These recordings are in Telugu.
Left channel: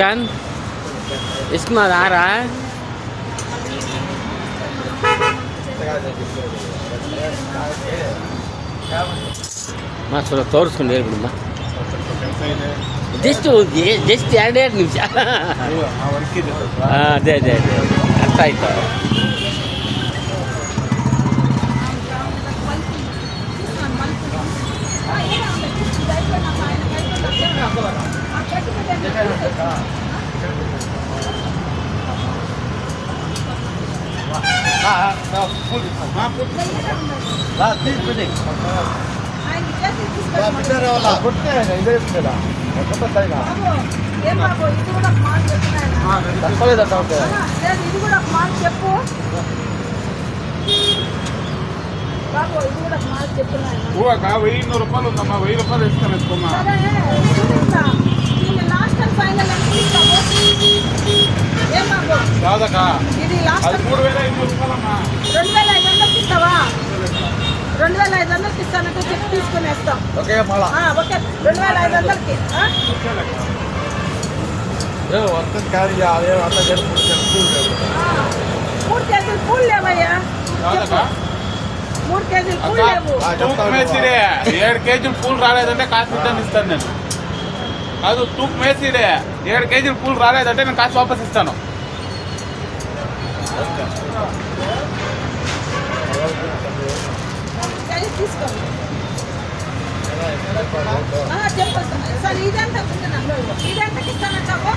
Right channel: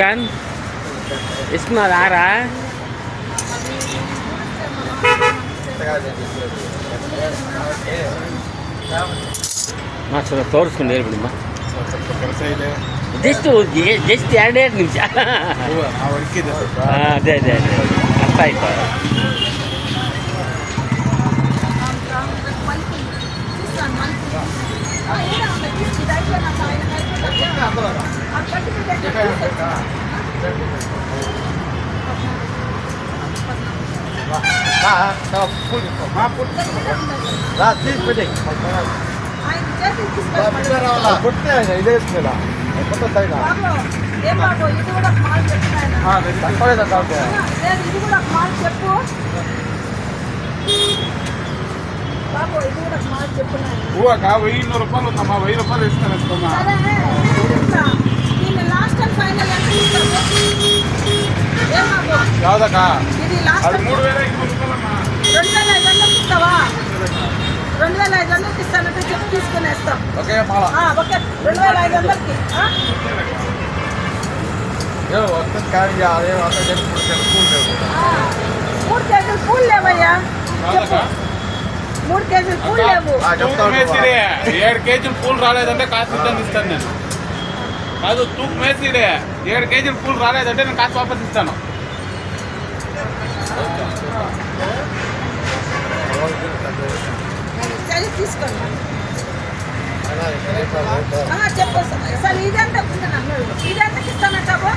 చికెన్ ఇస్తున్నారు ఆరా చూడ ತೋರಿಸ್ಕೊಂಡು ಹೇಳ್ಬಿಡಮ್ಮ ಜಸ್ಟ್ 2 ನಿಮಿಷ ಅದೇ ಅದೇ ಅದೇ ಅರ್ಥ ಆಯ್ತು ₹1,200 ఉందమ్మా. ₹1,000 ఇస్తాను. లాస్ట్ అండ్ ఫైనల్ ఎంత ఇస్తావు? అది ₹3,500 అమ్మా. 2,500 ఇస్తావా? 2,500 ఇస్తానంటే చెప్పి తీసుకుని వేస్తాం. ఓకే 2,500కి మూడు కేజీలు పూలు లేవయ్యా. చెప్పు 3 కేజీలు పూలు లేవు. 7 కేజీలు పూలు రాలేదంటే కాసు ఇస్తాను నేను. కాదు తూపు మేసిడే 7 కేజీలు పూలు రాలేదంటే నేను కాసు వాపస్ ఇస్తాను. తీసుకోండి చెప్పు సార్. ఇదంతా ఇదంతా ఇస్తానంటావా?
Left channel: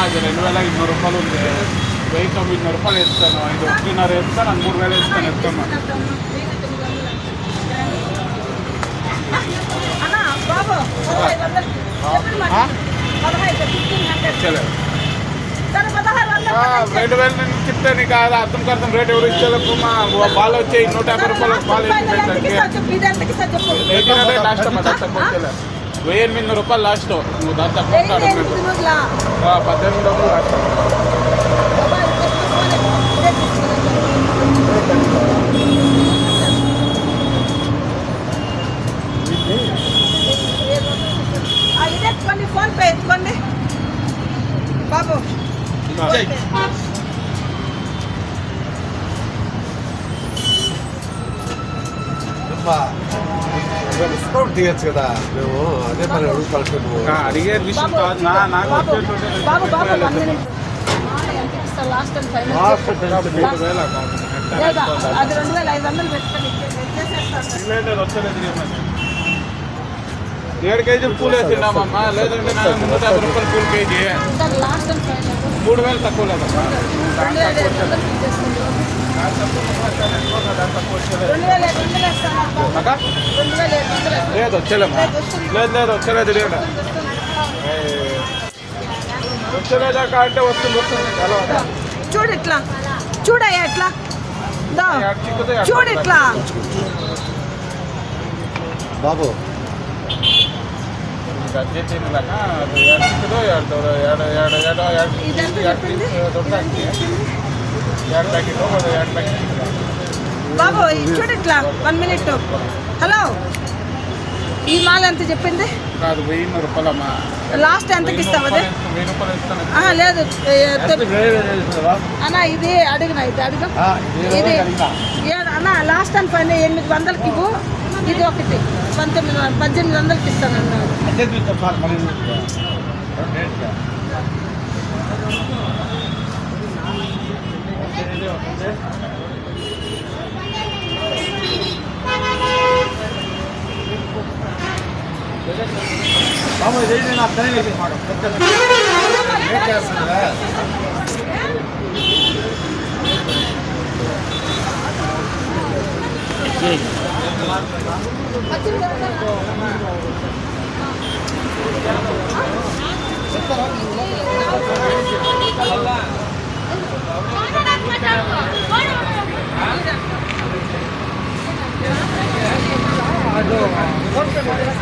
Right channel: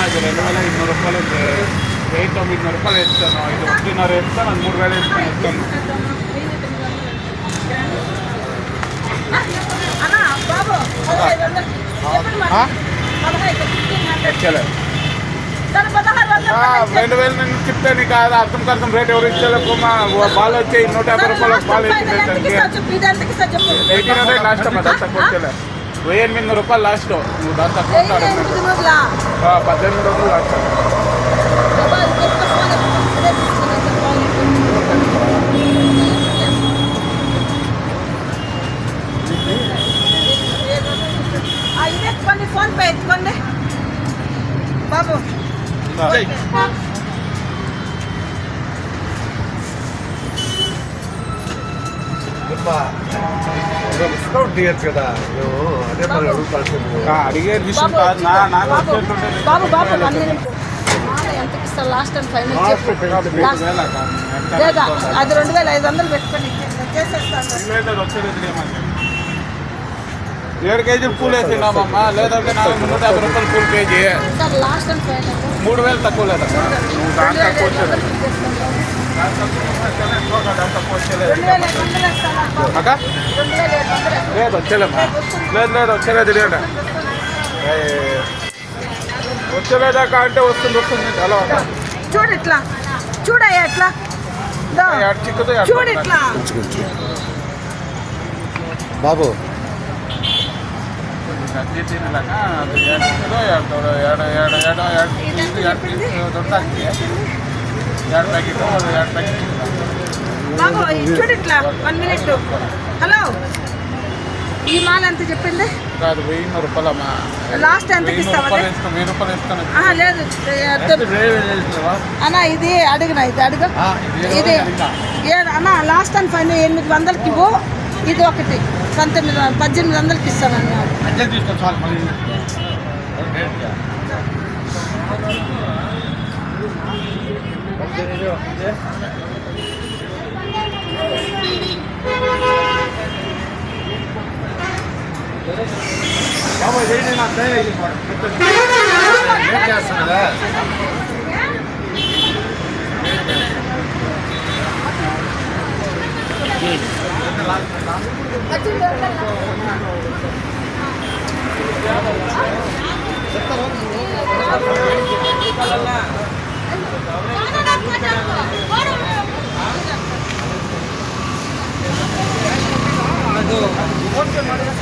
అది ₹2,200 ఉంది. ₹900 ఇస్తాను. ఇది 1,500 ఇస్తాను. అది 3,000 ఇస్తాను. ₹2,000 నేను చెప్తే నీకు అర్థం కర్థం రేట్ ఎవరు ఇచ్చేలకు బాల్ వచ్చాయి ₹150 బాల్ లాస్ట్ అమ్మా. దాంతో వచ్చేలే ₹1,800 లాస్ట్. నువ్వు దాంతో ₹1800 లాస్ట్. ఇది ఎత్తుకోండి, ఫోన్ పే ఎత్తుకోండి బాబు. డిస్కౌంట్ తీయచ్చు కదా. మేము అదే మరి బాబు బాబు 1 మినిట్. ఎంత ఇస్తా లాస్ట్ అండ్ ఫైనల్? లేదా అది 2,500 పెట్టుకొని చేసేస్తాను. 7 కేజీలు పూలు వేసినామమ్మా. లేదంటే ₹150 పూలు కేజీ. లాస్ట్ అండ్ ఫైనల్ 3,000 తక్కువ లేదా? 2,500 లేదు వచ్చేలేమ్మా. లేదు వచ్చేలేదు. రేట వచ్చేలేదాకా అంటే వస్తుంది. ఎలా చూడు ఇట్లా చూడయ్యా ఇట్లా చూడు ఇట్లా బాబు బాబు చూడు ఇట్లా 1 మినిట్. హలో ఈ మాల ఎంత చెప్పింది? కాదు ₹1,000 అమ్మా. లాస్ట్ ఎంతకి ఇస్తావు? ₹1,000 ఇస్తాను. లేదు అన్న ఇది అడిగిన ఇది అడుగు. ఇది అన్న లాస్ట్ అండ్ ఫైనల్ 800కి ఇవ్వు. ఇది ఒకటి 1800కి ఇస్తాను అన్న. బాబు చేయండి. నాకు చేస్తున్నా ಅದು